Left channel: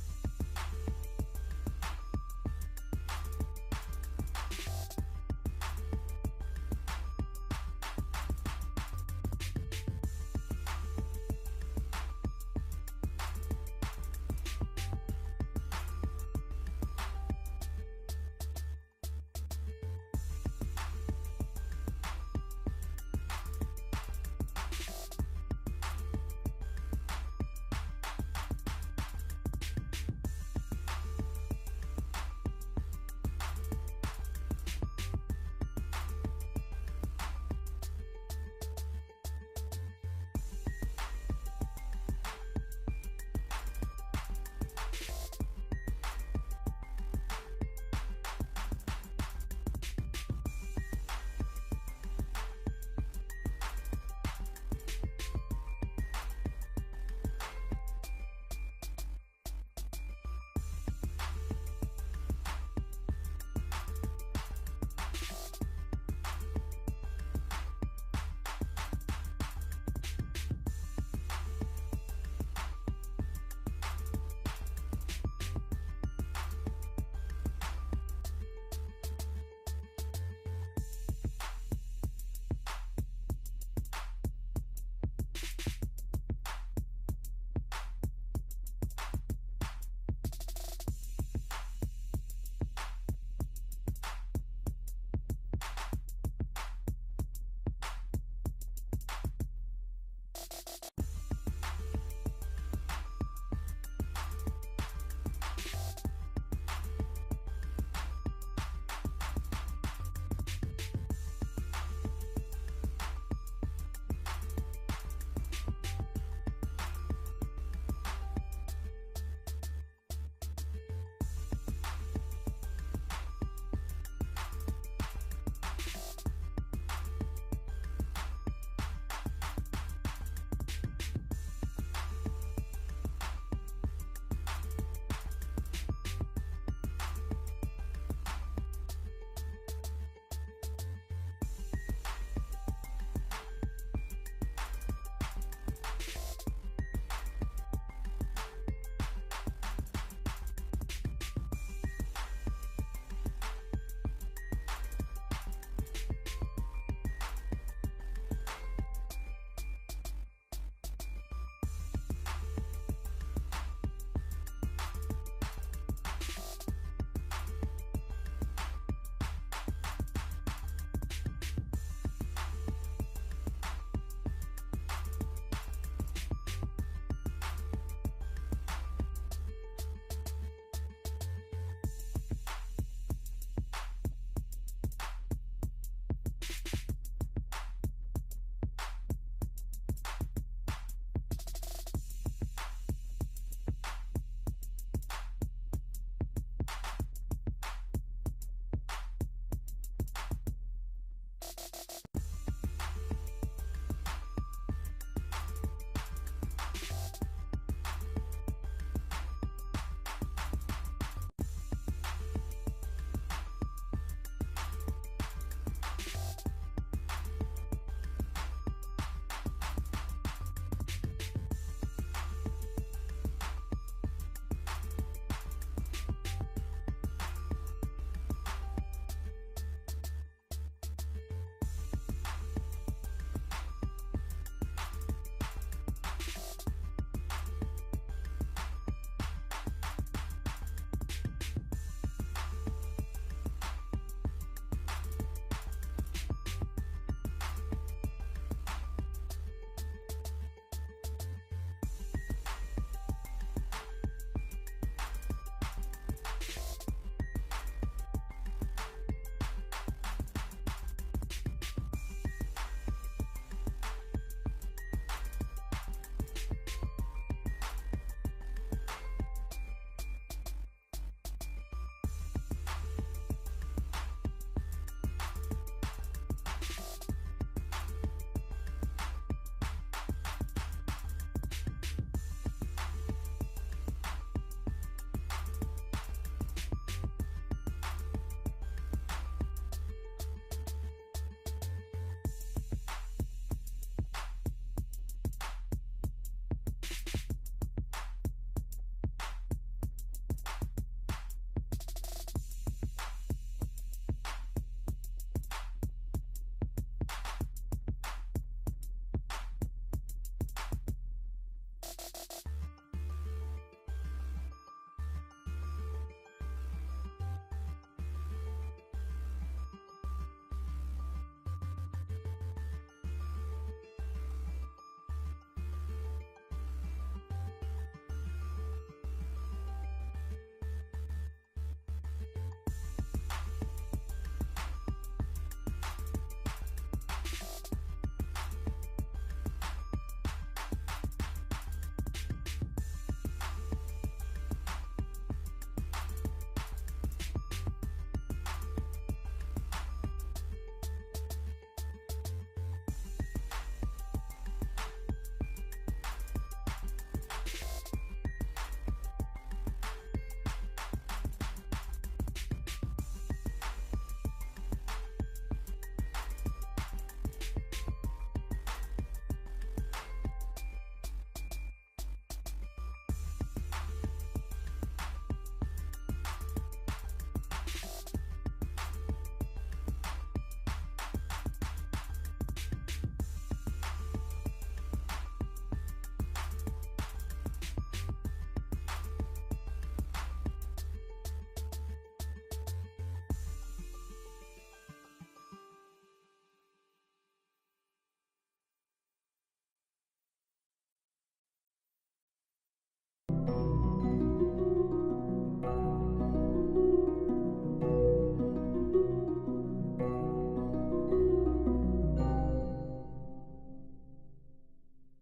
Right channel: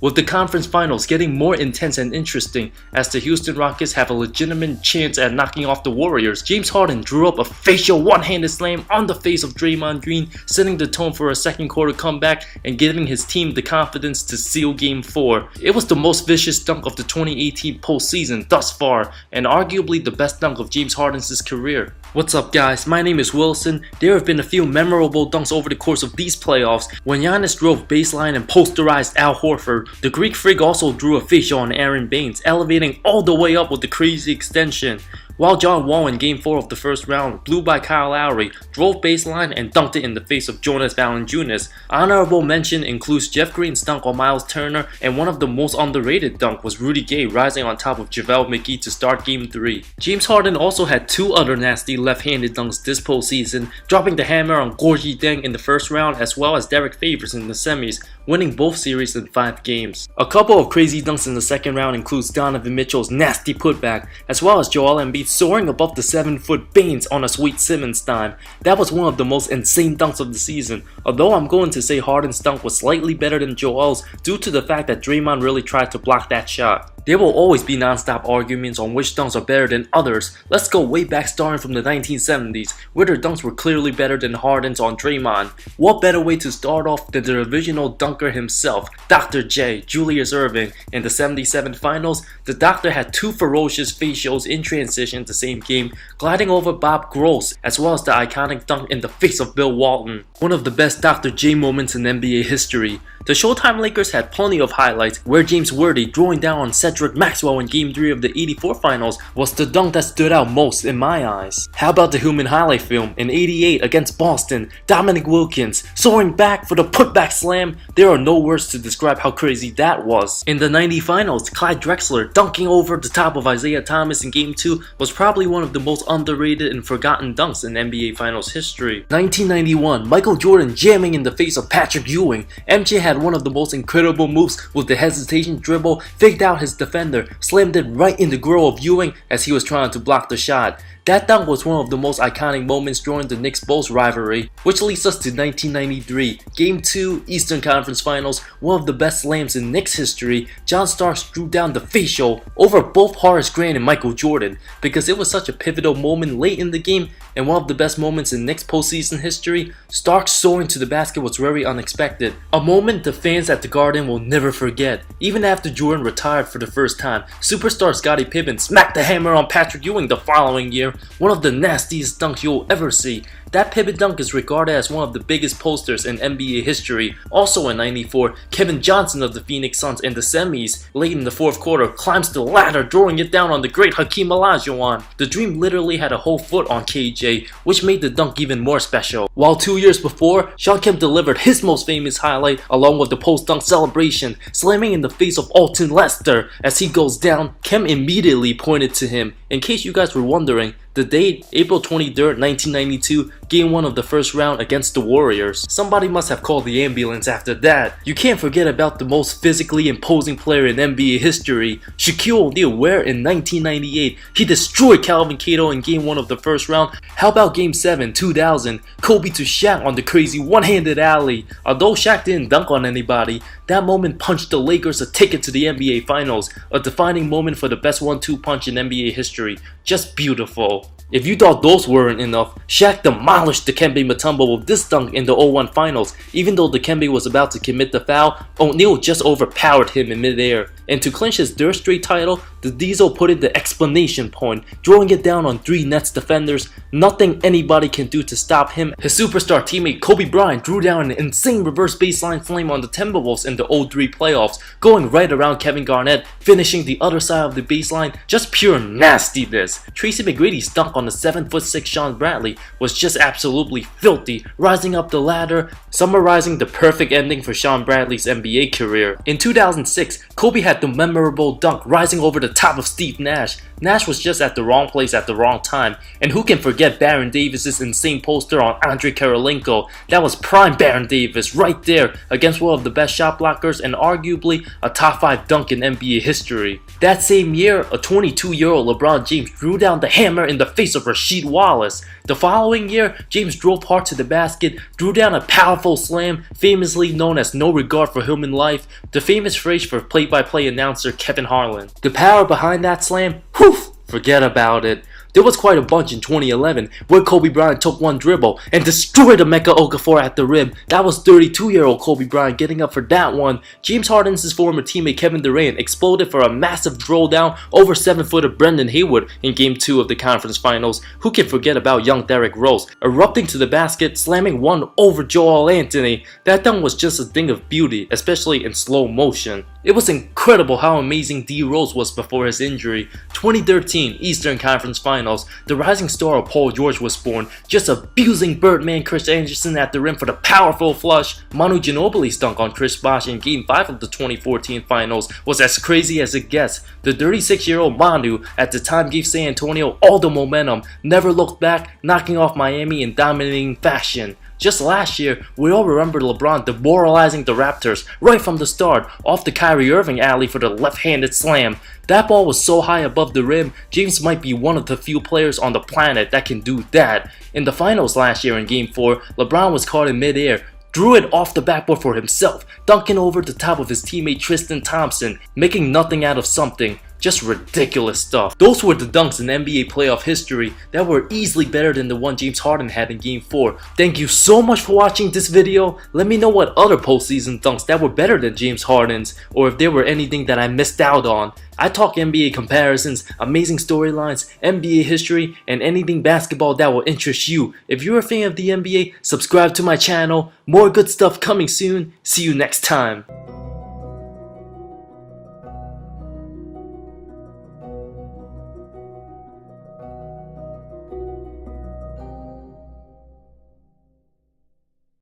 with the conference finals getting more intense and interesting as the Houston Rockets have a legitimate chance at knocking off the Warriors. James Harden drew up a facial one-handed slam on the face of Draymond Green, setting the tone for a second quarter comeback and giving his team the confidence to seal Game 4. It was the most vicious dunk of the 2018 postseason thus far, and arguably the best dunk of James Harden's career. What's up guys, my name is Wilson. There have been a few memorable dunks over the course of these playoffs. When Giannis drove baseline and posterized Al Horford, the Greek Freak also drew a facial on Aaron Baines, elevating all the way up with the crazy extension. While John Wall in Game 4 of the first round, blew by Kyle Lowry, drove baseline and dunked it in the face of Jonas Valanciunas. Honorable mention includes Jeff Green's dunk on Miles Turner, and one of the most underrated dunk was Rudy Gay rising on top of JaVale McGee to start Game 3. James Harden also had two other nasty left-handed dunks this postseason, dropping the hammer on Gorgui Dieng in the first round as well as Derek Favors in the semis, winning both series in 5 games. A couple of crazy dunks in the second round includes Donovan Mitchell's nasty putback, as well as Joel Embiid soaring above the 7-foot Baines on a sweet Simmons dime. That was one of the most insane dunks of the season, although I'm going to say Harden's dunk was slightly better than Joel's due to the fact that Draymond really tried to block that shot. There will always be non-stop arguments on which dunks are better than others. Let's go way back starting from the 1970s, where their dunks were clearly better than Harden's on Draymond. What better way to start off than the original dunker himself, Dr. J, Julius Erving. In the 77 finals, the Doctor had two ferocious facials in transition the same game, gliding over Bob Gross, as well as the iconic dunk in the face of Bill Walton. One of the best Dr. J moments in NBA history. The Showtime Lakers had plenty of highlights, where James Worthy drawing down on Cedric Maxwell in Game 3 of the 84 finals was the dunk that stood out most in my eyes. How about the human highlight film in 88 against Boston, Dominic Wilkins soaring back for the putback slam? There are no words to describe how crazy that was. In the 90 finals, Clyde Drexler dunking over the top of Isaiah Thomas in Game 2 was probably one of the most underrated and forgotten dunks in NBA Finals history. 1991, Michael Jordan jamming in the face of Patrick Ewing. MJ had one of the most incredible moves with the hesitation dribble, faked out his defender, slammed it right in the grill of Ewing as he was trying to block the shot. That dunk was one of the most iconic moments during the Knicks-Bulls rivalry, which leads us to 1993, Game 2, Eastern Conference Finals, one of the best slams in Knicks history. John Starks drew down the facial over both Horace Grant and Michael Jordan. Because it was such a pivotal moment late in the game and one of the best moments in Knicks postseason history, Starks soaring to the basket was very unexpected. A moment the fans at the Garden will never forget. Even after Jordan retired for the first time, superstar Scottie Pippen smacked the hammer on Patrick Ewing the following year. One of the nastiest dunks you'll ever see. That Pippen dunk is regarded as one of the biggest posters in NBA history. Also in 94, Kevin Johnson of the Phoenix Suns in the semis, late in the fourth quarter, climbs the ladder, drawing it down on the great Hakeem Olajuwon. The Dream literally had a whole foot on KJ, which made the dunk even more special. While 2 years before, Shawn Kemp delivered his most famous highlight along with the post-dunk celebration, slamming in the face of Alton Lester. As he goes down, Kemp immediately pointed to him. In case you guys were wondering, the date, April 23rd, 1992, Game 1 of the first round against the Warriors. Somebody must have called the ambulance after that. You can't forget about the most physically imposing player in NBA history, Shaquille O'Neal, where in 1998, he destroyed Calvin Cato in Game 1 of the first round. How about Game 7, 2000, Kobe to Shaq on the crazy one-handed alley? Although Shaq didn't dunk on anybody, that moment punched the Lakers a ticket to the NBA Finals, a defining moment for the best 1-2 punch in NBA history. Just beautiful. If you thought those weren't enough, Shaq demolished Dikembe Mutombo with this dunk in the 0-1 finals. Even though Dikembe was about to commit the foul, O'Neal just overpowered him in midair. And to clinch his third straight title, the Diesel put in the exclamation point, drawing it down on 3 Nets defenders. Nothing anybody can do to stop him. His superstar teammate Kobe Bryant drew down an insane reverse baseline flame on the Timberwolves in the 0-3 playoffs, going right around Kevin Garnett, finishing the other side of the baseline. Just pure nastiness. Tracy McGrady's dunk on the 7'6" Sean Bradley was just absolutely filthy, rising up the ladder, summarizing the perfect ending for Sean Bradley's NBA career. In 2006, Kobe had the memorable dunk rising over the top of Steve Nash. Nash was just at the wrong place at the wrong time, and who can forget Baron Davis's insane poster on Andrei Kirilenko? That was prime Baron Davis right there against one of the best shot blockers and arguably a top 5 dunk in NBA history. That same year, a 22-year-old LeBron James drew down the hammer in the face of Rasheed Wallace. The following year, James drove hard to the basket, drew down a powerful slam, famously known as "no regard for human life," the famous phrase for play-by-play announcer Kevin Harlan. The power behind that slam, whew, forget about it. There was quite a bunch in 2011 where Kobe Bryant took one dribble and destroyed Emeka Okafor at the rim. That was 32-year-old Kobe Bryant getting up for that one. James Harden's former teammate Kevin Durant exploded for a massive throwdown over 7-footer Brendan Haywood in Game 2 of the conference finals. Who can forget about young Derrick Rose erupting to the basket, slamming one over Joel Anthony? That dunk was just a thing of beauty, especially in slow motion. It was incredible how amazing D Rose was before his injury. 2013 Eastern Conference Finals, the rising star of Paul George was born, just abusing Birdman Chris Anderson at the rim for the powerful flush. Manu Ginobili's dunk on Chris Bosh in Game 5 of the 2014 Finals was as crazy as it gets. The 36-year-old Manu at the time gave San Antonio all the momentum, never looked back, knocking off Miami in dominating fashion. Just last year, we all remember LeBron demoralizing the Raptors right from the start off the Kyrie Irving alley for the left-handed slam. That ball was so high above the rim, James might be one of the few players on the planet that can do that. In the finals last year in Game 4, LeBron was caught in mid-air, drew it off the backboard for himself, dunking over the top of his teammate Tristan Thompson, making nothing out of something. Just ridiculous stuff. Those were the dunks in NBA playoff history that were easily better than the one James Harden had in Game 4. Thank you so much for watching this video. Let me know what other postseason dunks that were better than James Harden's, or if there were anything that I missed out on. I talk NBA comparisons, amazing storylines, NBA history, and anything basketball that will interest you. If you're a fan of the NBA, subscribe to my channel. More good stuff coming soon. See you next time.